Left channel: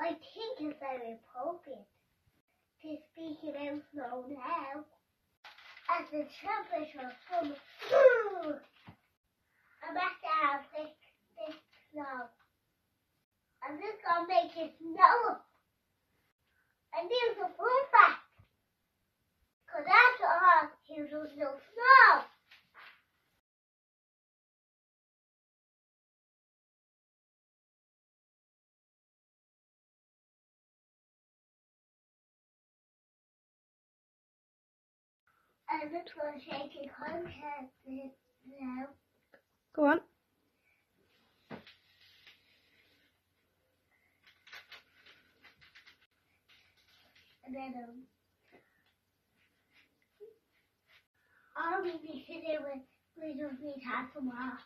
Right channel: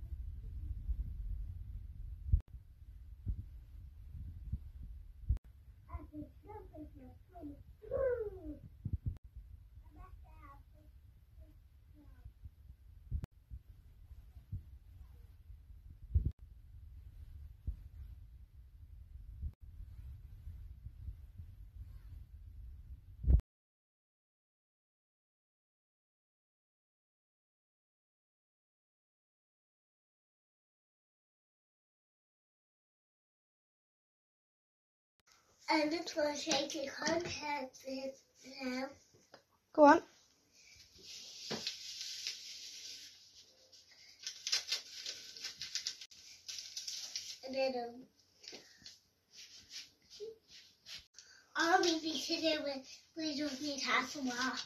I think it's very appropriate to speak about snow now. As the temperature from I'm back to have thick snow. I'm just gonna make it snow. And there's a fun fact. Cause after all, there's no snow. I'm just gonna take the contacts now. Go on. And then all we need to do is we just need to have some water.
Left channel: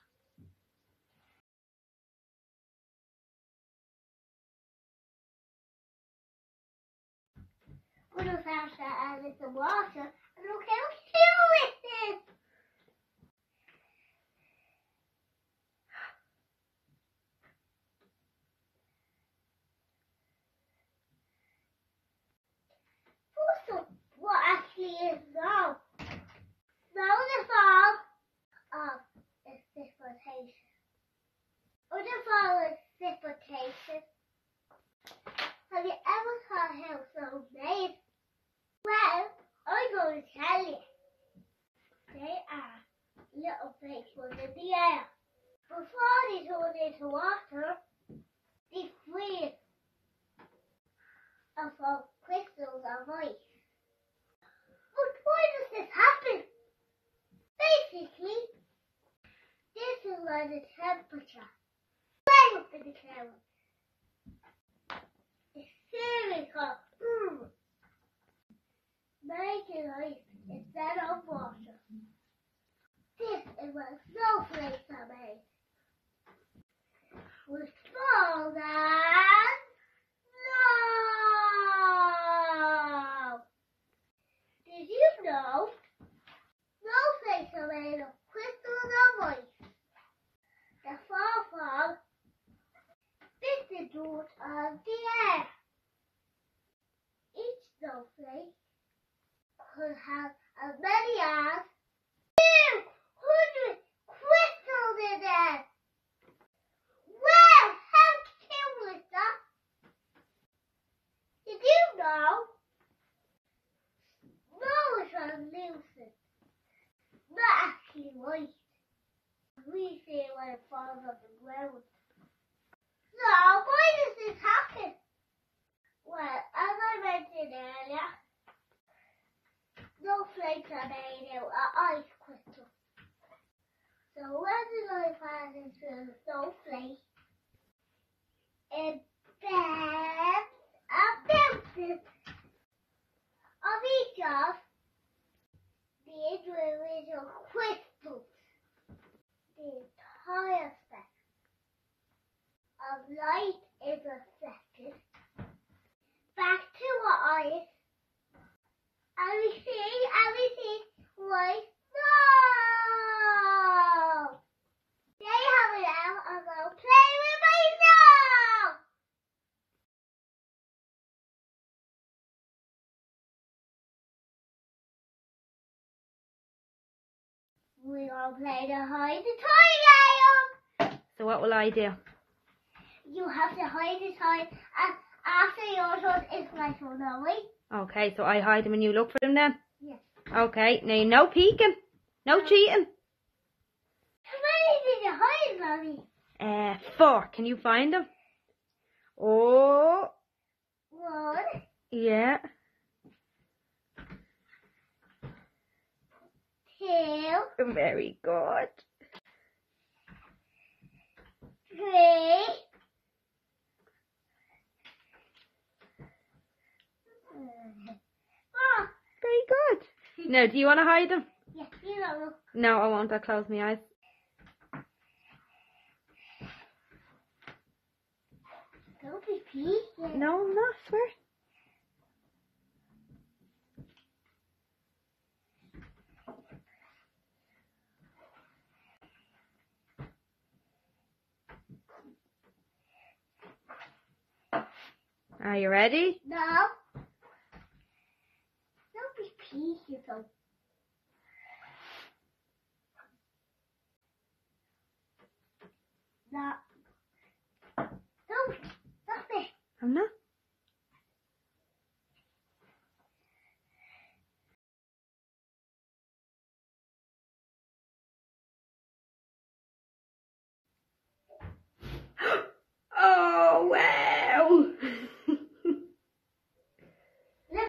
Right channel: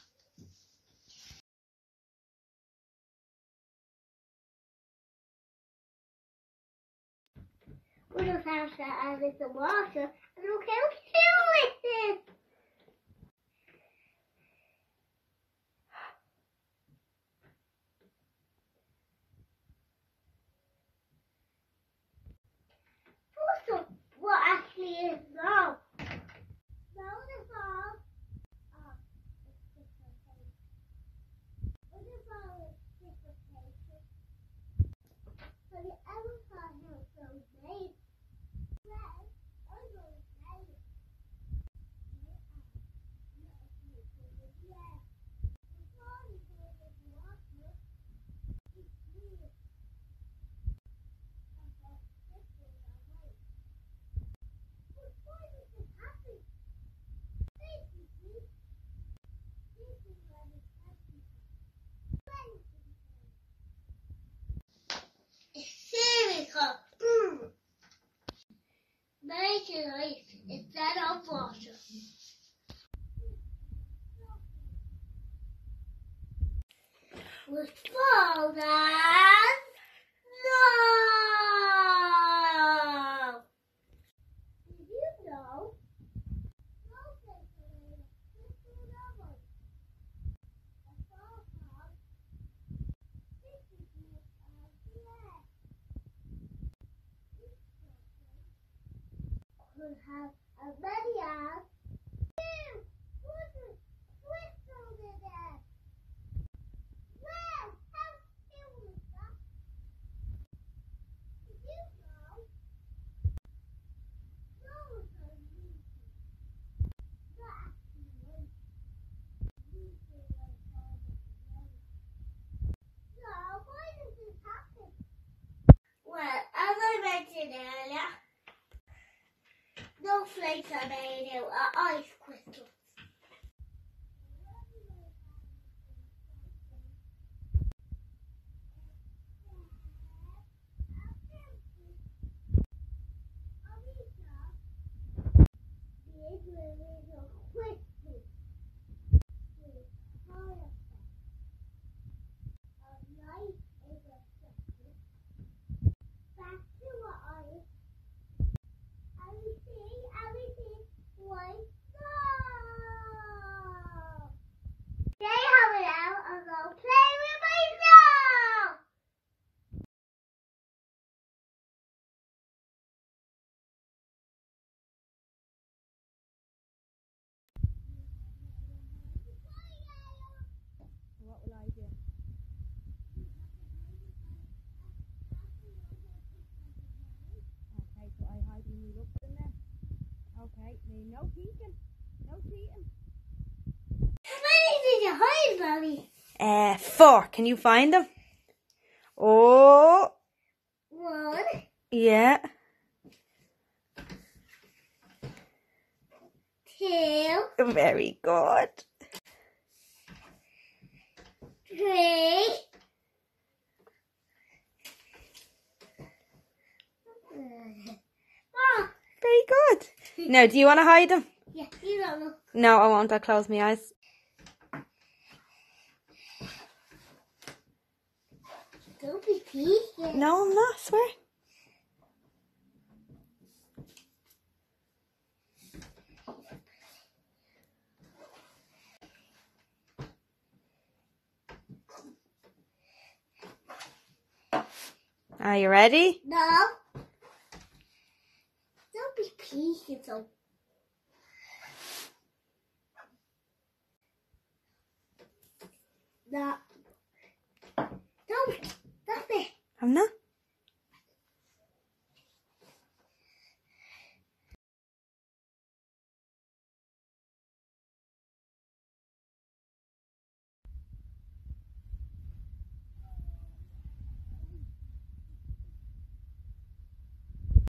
We just have to add some water and look how cool it is. Also, what actually is snow? Snow is a form of precipitation. Other form is precipitation. Have you ever thought how snow is made? Well, I'm going to tell you. They are little flakes in the air. Before they turn into water, they freeze and form crystals of ice. But why does this happen? Basically, this is where the temperature way up in the clouds. It's spherical. Making ice instead of water. This is where snowflakes are made. With fall and snow. Did you know snowflakes are made of crystals of ice that fall from distant dirt of the air? Each snowflake could have as many as 200 crystals in it. Wow, how cool is that? Did you know snow is translucent, not actually white? We see it when it falls off the ground. So why does this happen? Well, as I mentioned earlier, snowflakes are made out of ice crystals. So when the light passes into a snowflake, it bends and bounces of each of the individual crystals. The entire spectrum of light is reflected back to our eyes. And we see white snow. They have it out and go play with my snow. We all play the hide the toy game. So what will I do? You have to hide the toy after your turn is my turn, alright? Okay, so I hide them and you look for them then? Yes. Okay, now no peeking, no cheating. How many did you hide, Mommy? 4. Can you find them? Oh. 1. Yeah. 2. Very good. 3. 4. Very good. Now, do you want to hide them? Yeah, you don't look. No, I won't. I'll close my eyes. Don't be peeking. No, I'm not, I swear. Are you ready? No. Don't be peeking so